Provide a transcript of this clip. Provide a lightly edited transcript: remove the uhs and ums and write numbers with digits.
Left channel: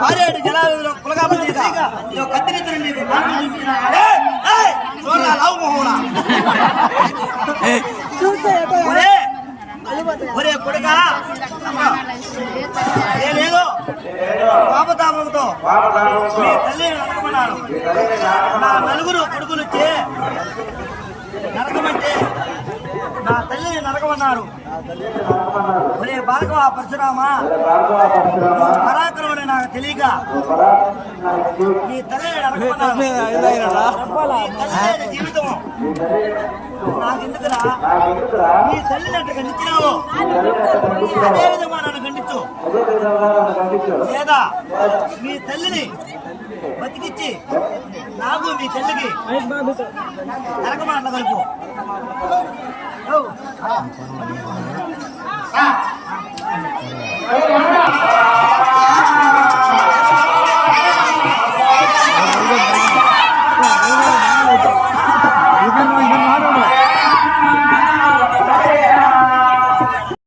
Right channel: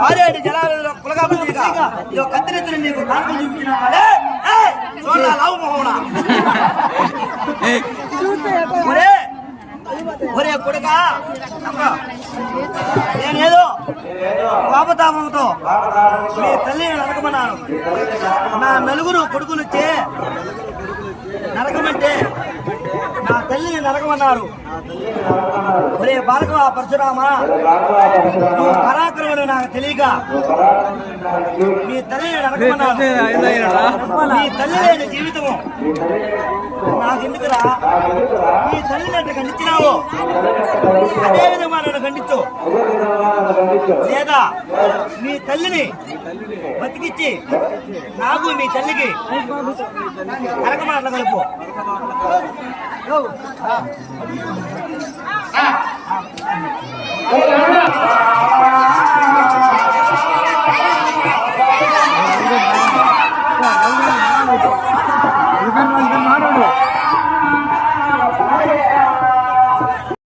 భార్య జలాలలో పులగా కత్తిరించిన నీకు ఒరే కొడుక నేనేదో కోపతాపంతో మీ తల్లిని నరకమన్నాను. నా నలుగురు కొడుకులు వచ్చి నరకమంటే నా తల్లిని నరకమన్నారు. ఒరే బాలకమా పరశురామా, నువ్వు పరాక్రమని నాకు తెలియక మీ తల్లిని నరకమన్నారు. మీ తల్లి లేని జీవితము నాకెందుకురా? మీ తల్లిని అంటే ఖండించినావు, అదే విధంగా నన్ను ఖండించు. లేదా మీ తల్లిని బతికిచ్చి నాకు మీ తల్లికి నరకమాటలు కలుపు. ఆ